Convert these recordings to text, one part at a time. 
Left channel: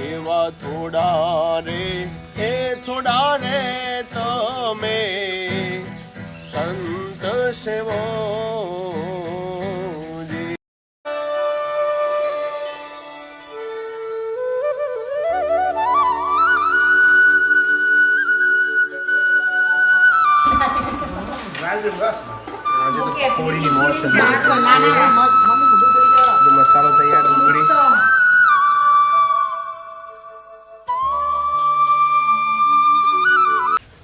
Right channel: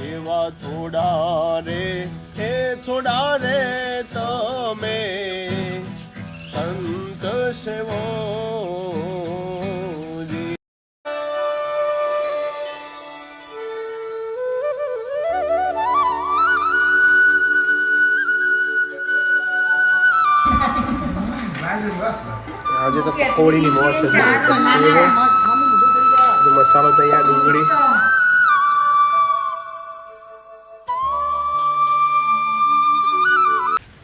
એવા થોડા રે એ થોડા રે તમે સંત સેવો આજે તો પકોડીની મોજ છે મસાલો તૈયાર ડુંગળી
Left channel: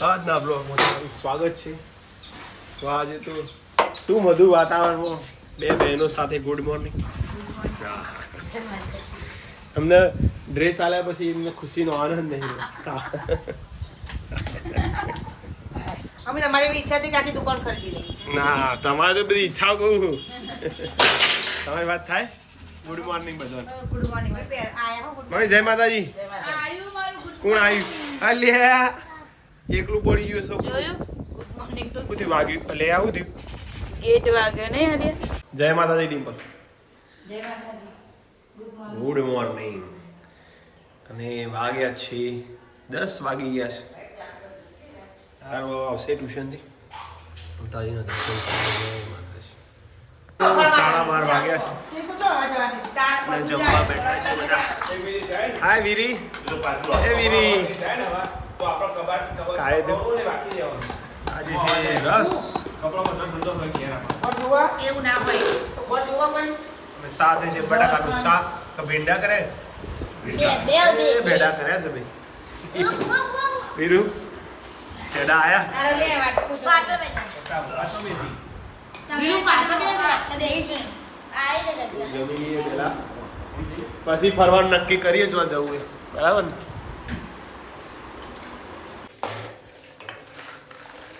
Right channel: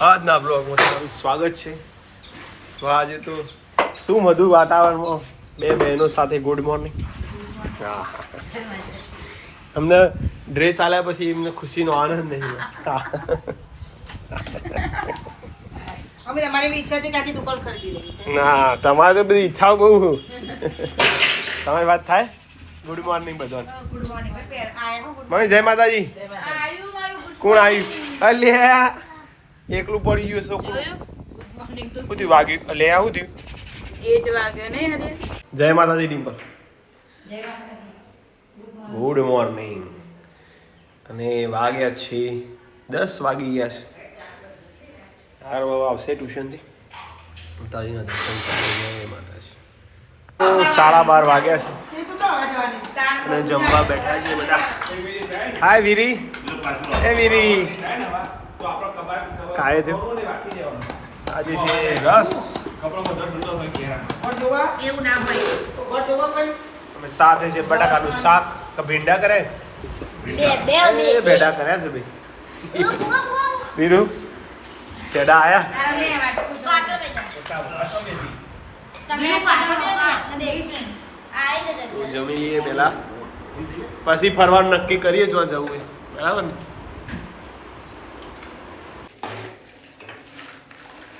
આજના બ્લોગમાં તમારું સ્વાગત છે તો આજે તો શું મધુર વાતાવરણમાં બે બહેનો સાથે ગુડ મોર્નિંગ અમને ડ્રેસ આલ્યા પછી એમને ખુશીનો આનંદ નહીં અમે તમારી બી ઈચ્છા હતી કે આખી દુકાન ખરીદી લઈએ. ના તમારે તો બધી ઈચ્છાઓ બહુ તમારી વાત થાય ગુડ મોર્નિંગ બધાને ગુડ મોર્નિંગ આયા હો ગુડ મમ્મી જય માતાજી કોણ આવ્યું અલ્યા એકલું પડી ગયું છોકરું ગુડ મોર્નિંગ તો બધું વાગ્યું લે આવું થયું ગેટ વાગ્યો ને હરિયા. જય માતાજી ડિમ્પલ જય માતાજી ગુડ મોર્નિંગ અને વાગ્યા છે 10 વાગી ગયા છે તાર બાબા આવશે ટ્યુશનથી માતાજીના દર્શન કરવા જય માતાજી 12:30 વાગ્યા છે અને જમવા બેઠા છે બધા હાય વીરી હે વીરી કાંઈ થયું આજે છે રસ એવું ના હોય અને સાથે છે બટાકાનું શાક કે ભીંડા કરે એ ભેડા કર્યા છે ભાઈ વીરુ ભેડા આયા જમી લઈએ પેલા પછી ફરવાનું નક્કી કરીએ જો જવું હોય બરાબર ને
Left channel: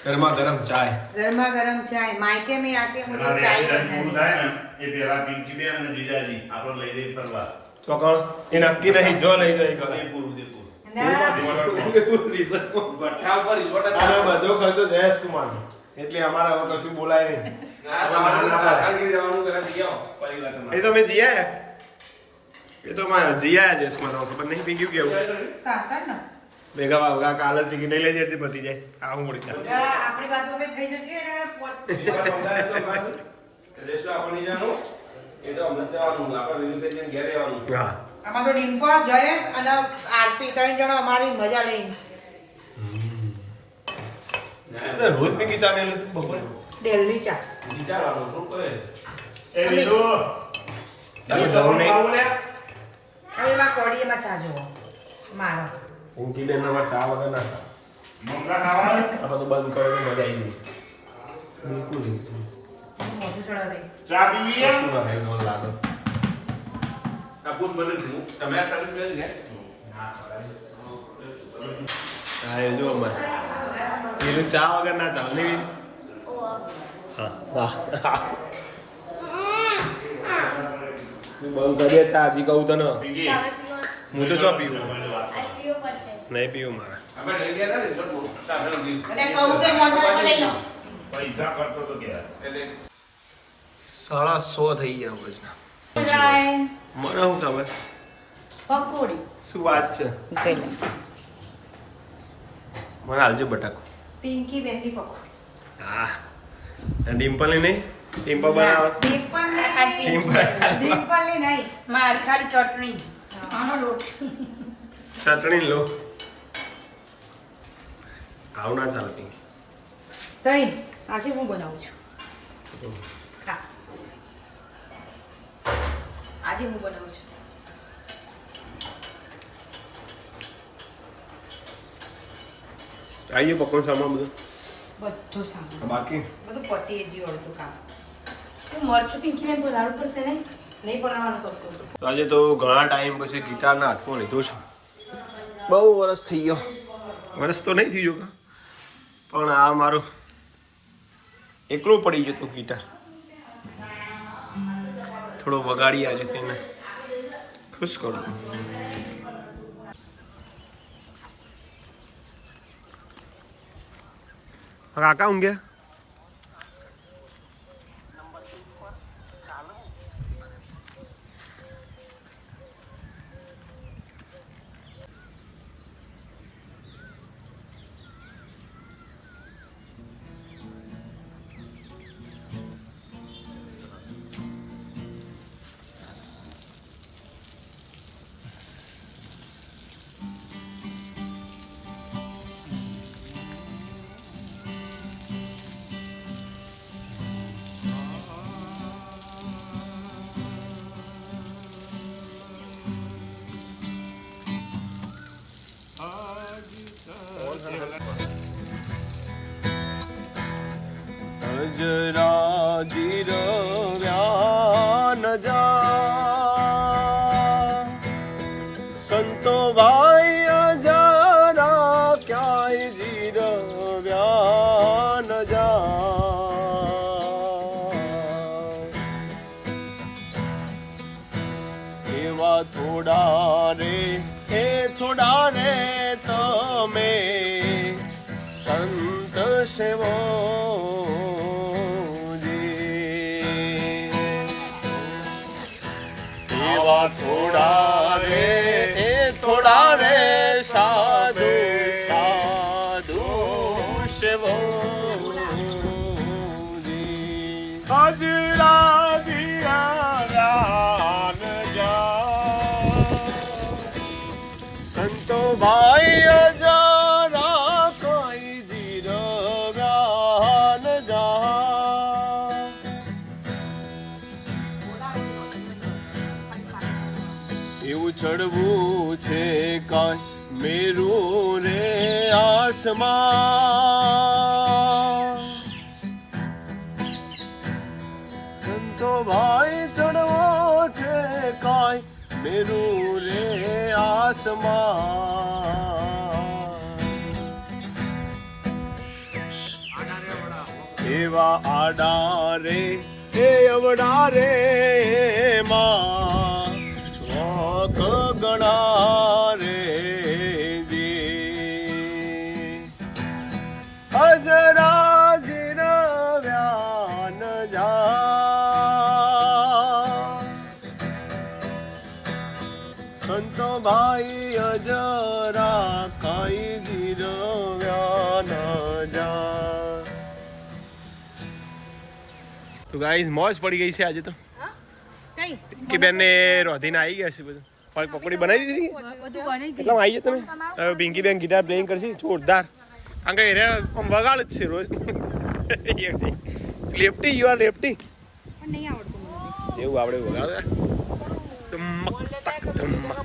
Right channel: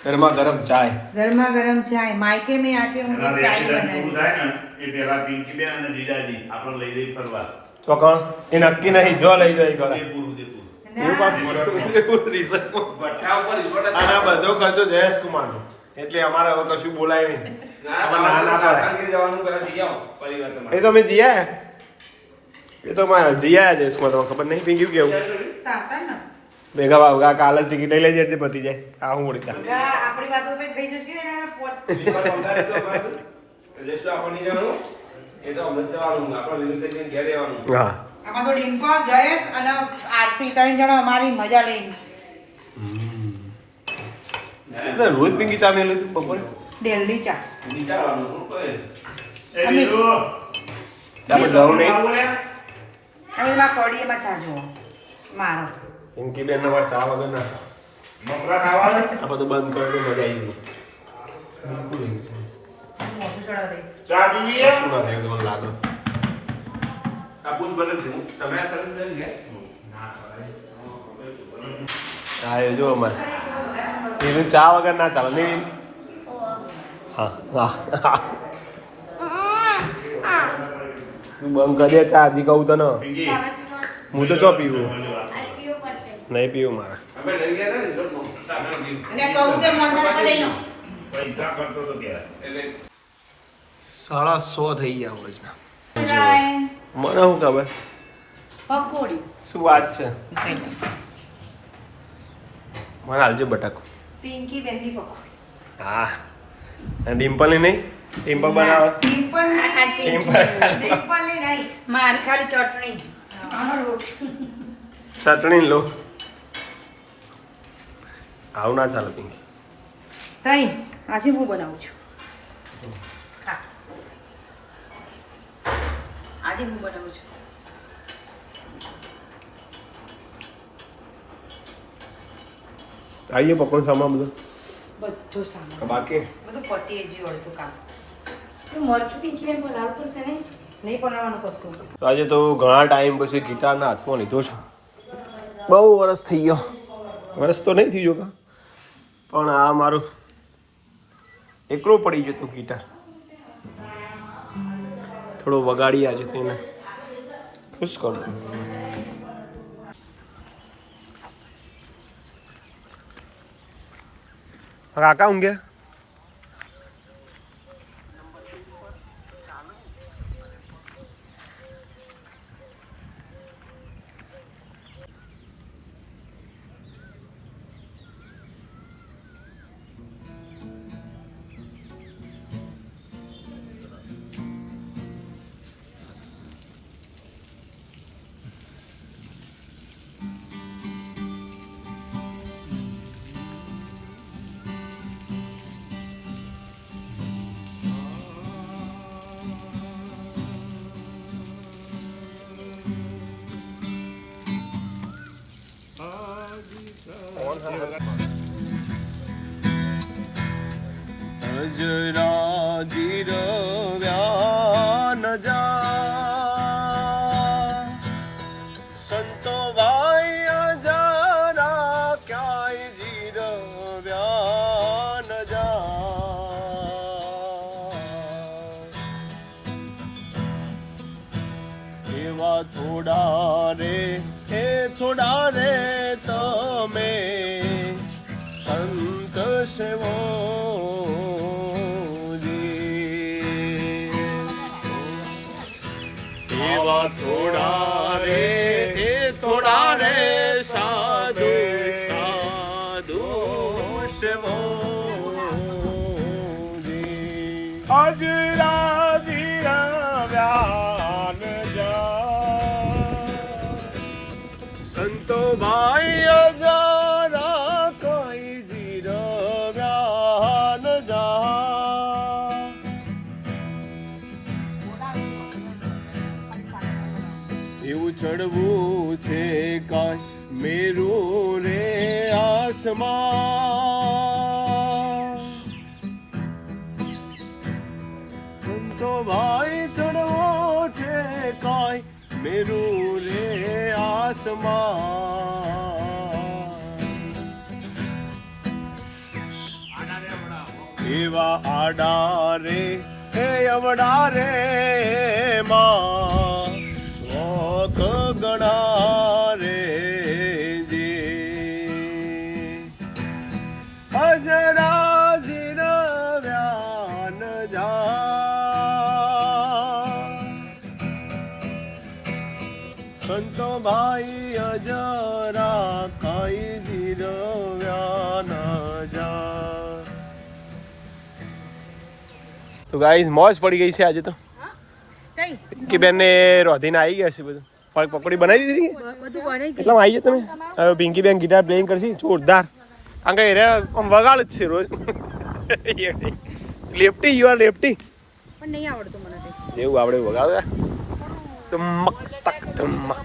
ગરમા ગરમ ચાય ગરમા ગરમ ચાય માયકે મે આકે મુझे ચાય બનાની એ પેલા પિંકી બેન અને જીજાજી આપણને લઈ જઈ ફરવા તો કોણ એ નક્કી નહીં જો લઈ જાય કરે આના બધો ખર્ચો જયેશ કુમારનો એટલે અમારે હવે કશું બોલાય નહીં એ તો મેં જીયા એ તો મારે જીયા જયેશમાં તો ખબર નહીં પિંકી કેવું સાસન ને ભેગા વાવગા કાલ જ ટિકિટ લઈ લેજે એટલે પતી જાય આ હું મળી ત્યાં આપણી વાતો મે થઈ જશે ને પોચ હા આમાં તો ડિમ્પલ જયેશ અને આરતી ત્રણ જણા અમારી મજા લઈ એટલે રોજ પિંકી ચા મેલું હતું બપોરે દિલ્હી ચા ચાલો જવું નહીં હવે માં કોડીએમાં ચા જોવો મારો પિંકી બેન અમારે ચા વગર ના મમરા ખાવા આ બધું બંધ કરે તો મજા આવી ગઈ બિલકુલ મોટું ચડાવ દે ચા પીવી શું ના થાય તમને લાગે હા એ જો અમારે એનું ચા વગર ના ચાલે નહીં હા હા તું બંધ કરી દે ચા હજી કહું તને પીવી હું તો ચો પીવું નહીં પીવું મારા અને કહું તે મોંઘા લઈ લો પૈસા કરતો તો કે 100 થઈ ગયા વજના ચાય મને શું ખબર પકોડી શું વાત છે મને હાલજે બટાકો પિંકી બેનની પકોડી હા ડિમ્પલ ને નહીં ડિમ્પલ બનાવે ડિમ્પલ ને નહીં માર ખાલી ચટણી જ આનો લોટ ચટણી લો આવું ના ચાલે પિંકી તઈ આજે હું બનાવું છું હા આજે હું બનાવું છું આવીએ પકોડ સામાન બધું બધું સામાન બાકી બધું પતી જ અડધું કામ તો મરચું પિંકી બેન બોલાવવું પડશે ને નહીં બનાવવાનું કશું તો આજે તો ઘણા ટાઈમ પછી ગિટારના હાથમાં લીધો છે બહુ વરસ થઈ ગયો વરસ તો નહીં થઈ ગયો કા પણ આ મારું એકલો પડી ગયો તો ગિટાર થોડો વગાડી આજે થઈને ખુશ કરું કાકા ઊંઘ્યા અજરા જીરવ્યા ન જા સંતો ભાઈ અજરા ક્યાંય જીરવ્યા ન જા એવા થોડા રે તમે સંત સેવો આવા થોડા રે સાધુ સાધુ સેવો અજરા જીરવ્યા ન જા સંતો ભાઈ અજરા કઈ જીરવ્યા ન જા એવું ચડવું છે કાંઈ મેરું રે આસમાન સંતો ભાઈ ચડવો છે કાંઈ મેરું રે આસમાન એવા આડા રે હે અવડા રે માં ગણા રે જી અજરા જીરવ્યા ન જા સંતો ભાઈ અજરા કઈ જીરવ્યા ન જા. તો ગાઈસ મોજ પડી ગઈ છે આજે તો કે બેન ને રોધીને આવી ગયા છે બધું પકોડી બનાવી દીધી બધું બની ગયું એટલે આવી જાય તમે હવે પિંકી બેન ગિટાર પ્લેઇંગ કરશે જોરદાર કારણ કે આમ વગાડ જ છે રોજ લેફ્ટી યુ આર લેફ્ટી પણ નહીં આવડતું મને એવું આપણે વગાડે ટમક તક ટમક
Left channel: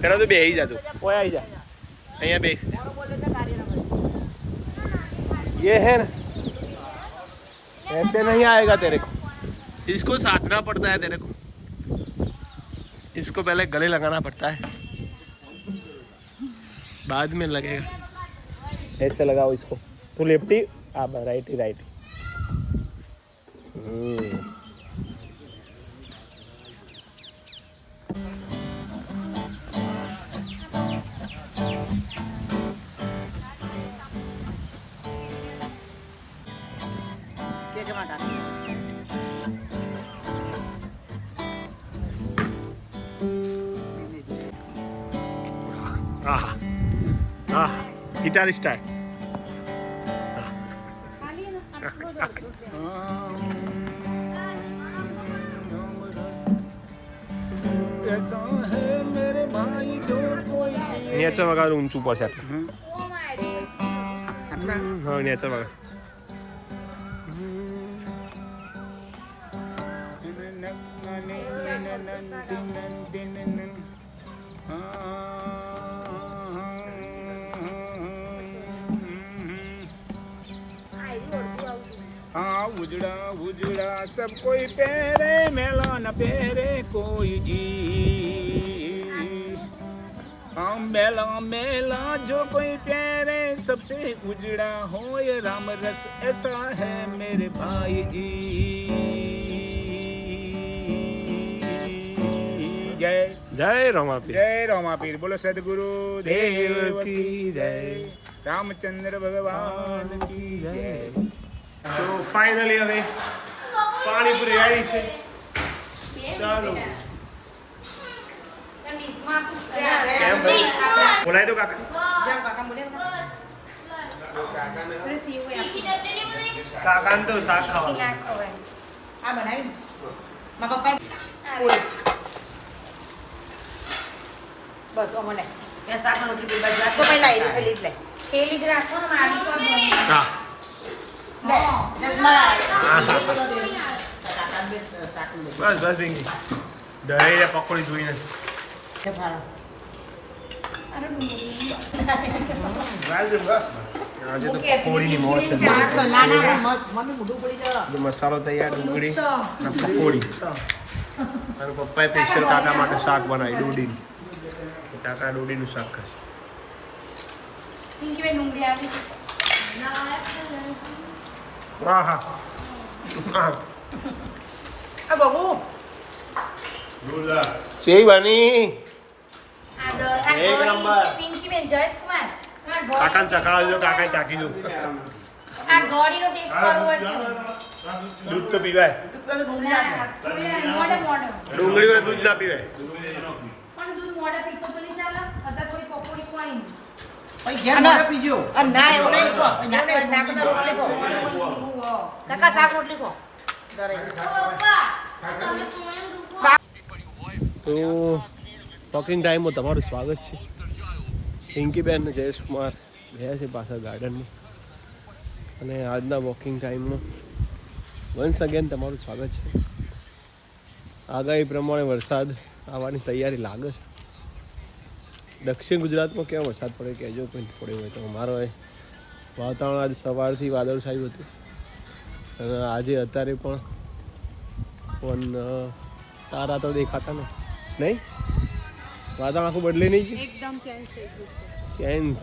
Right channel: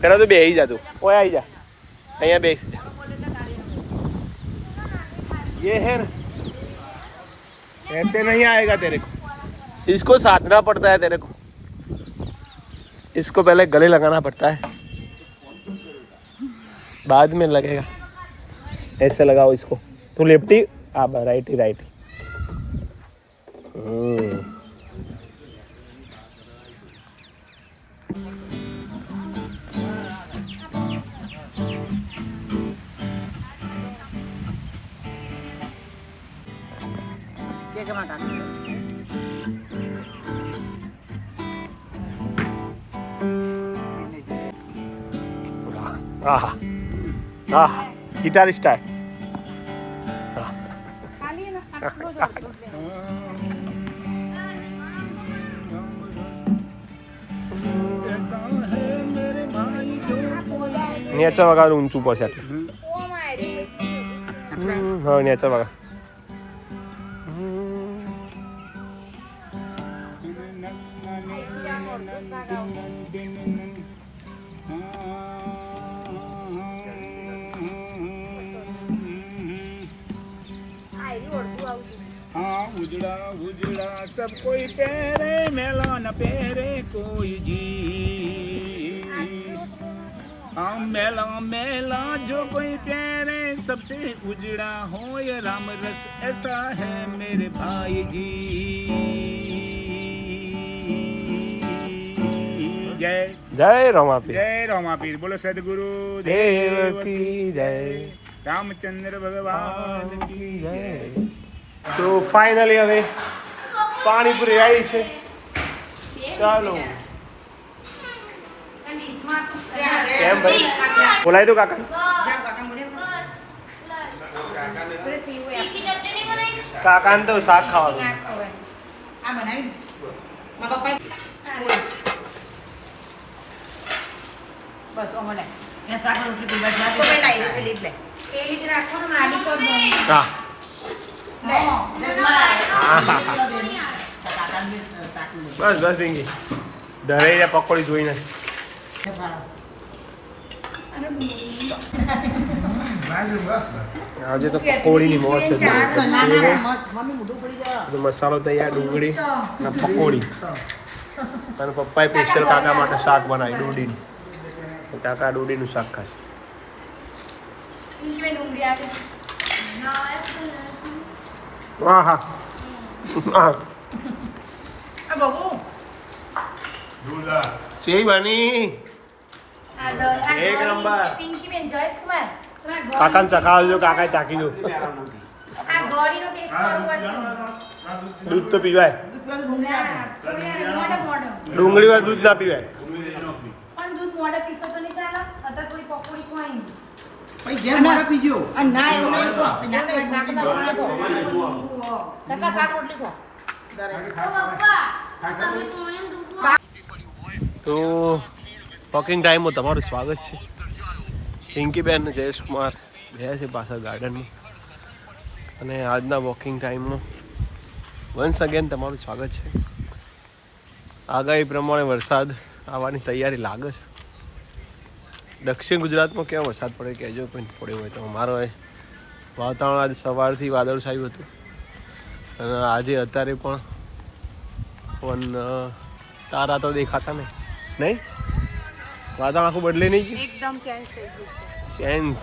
પેલા તો બે આવી જાતું ઓય આવી જા અહીંયા બેસ ये है ना ऐसे नहीं आएगा तेरे को इसको साधना पड़ता है तेरे को इसको पहले गले लगाना पड़ता है बाद में लगेगा ऐसे लगाओ इसको तू लेफ्टी आप राइट ही राइट आहा आहा गिटारिस्ट है નેચા વગર ઊંચું પડશે હા નેચા વગર उजड़ा उजड़ा सब कोई पहरे मेला न पहरे कोई जी हम मेला मेला जो कोई पहरे सबसे उजड़ा हो ये राम रस ऐसा है मेरे भाई जी जय जय रमापीर जय रमापीर बोलो सदगुरु देव की जय रामचंद्र भगवान की जय. તો ફાઇનલી હવે પાણીપુરી આવી છે ચાલો કેમ ભાઈ બોલાવી દો કાકા કાકાને તો શાક ખાવાનું આ બનાવી મા પપ્પા બસ ઓ મને એ શાક રોટલી બજાર તો મેં લાવી પેલી જ લે પેલી જ રાખવાનું આડી પર હા બસ બસ પિંકી ધરે પકોડી જોઈને અને ડુંગળી. આજે તો પકોડીની મોજ છે ના ના મસ્ત મમ્મી મોઢું પડી જવા બધો મસાલો તૈયાર, ડુંગળી અને પકોડી. અને પપ્પાએ સ્પેશિયલ કાકા માટે શાક બનાવ્યું ડુંડીનું. કાકા ડુંડીનું શાક ખાશે. પિંકી બેન ડુંગળી આવે. વાહ હા હા આ બબુ કેવી બની? આ દ- આ એક ગોળી, નંબર. પિંકી બેન જયેશકુમાર તમારા ગોળી- કાકાને ચખાવજો, કાકાએ ચાખી દો. આ ગોળીનો ટેસ્ટ કરવો હોય તો. દૂધ તો પીવાય, ના, મોઢે મોઢે. ડુંગળી વાળું દૂધ ના પીવાય. પણ દૂધ મોઢે પીશો તો નહીં ચાલે. અત્યારે થોડી પકોડી ખવાઈ. પીજો ના એવું નહીં શાક તો રોટલી ખો કાકા શાક રોટલી ખો તો વોકિંગ ટાઈમમાં તમારું સ્વાગત છે. પિંકીબેન અને જયેશકુમાર ગયા છે પાછળ ગાર્ડનમાં. અને આજના વોકિંગ ટાઈમમાં વન્સ અગેન તમારું સ્વાગત છે. આગાહી પ્રમાણે વરસાદ આવવાની તૈયારી લાગે છે. દક્ષિણ ગુજરાતમાં કેવો વરસાદ પડે કહેજો, કોઈ પડ્યો હોય તો. અમારો વાતાવરણ આજે સવારથી વાદળછાયું હતું અને આજે અત્યારે પણ તારા તો દેખાતા નહીં. નહીં વાતાવરણ આખું બદલે નહીં ગયું, એકદમ ચેન્જ થઈ ગયું છે. ચેન્જ.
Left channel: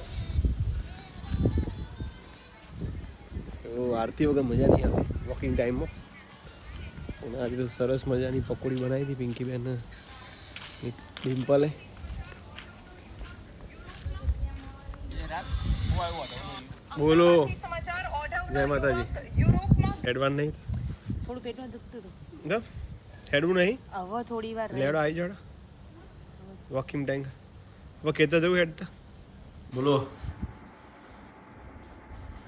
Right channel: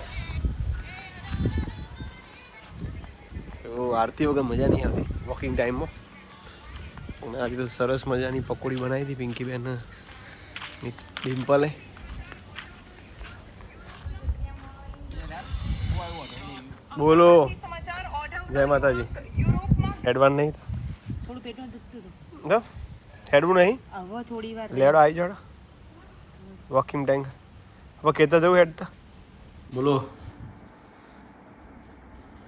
તો આરતી વગર મજા નહીં આવતી વોકિંગ ટાઈમમાં. અને આજે તો સરસ મજાની પકોડી બનાવી હતી પિંકીબેન ડિમ્પલે. બોલો જય માતાજી. હેડવાન નહીં થોડું પેટમાં દુખતું હતું. જો હેડવું નહીં. હવે થોડી વાર લેડો આવી જાડો વોકિંગ ટાઈમ. હવે કહેતા જવું હેડતા. બોલો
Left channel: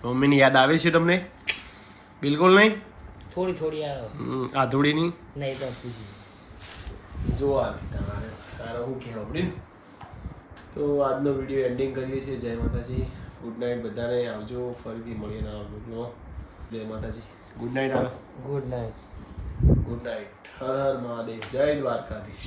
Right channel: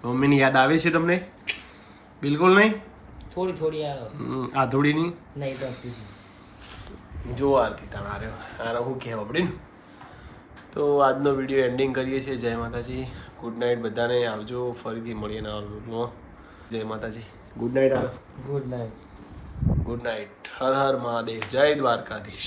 મમ્મીની યાદ આવે છે તમને? બિલકુલ નહીં. થોડી આવે આધુડીની નહીં તો જો આરતી તમારે સારા હું કહેવા પડે ને. તો આજનો વિડીયો એન્ડિંગ કરીએ છીએ. જય માતાજી, ગુડ નાઇટ બધાને. આવજો, ફરીથી મળીએ નવા વ્લોગમાં. જય માતાજી, good night. Good night good night. હર હર મહાદેવ, જય દ્વારકાધીશ.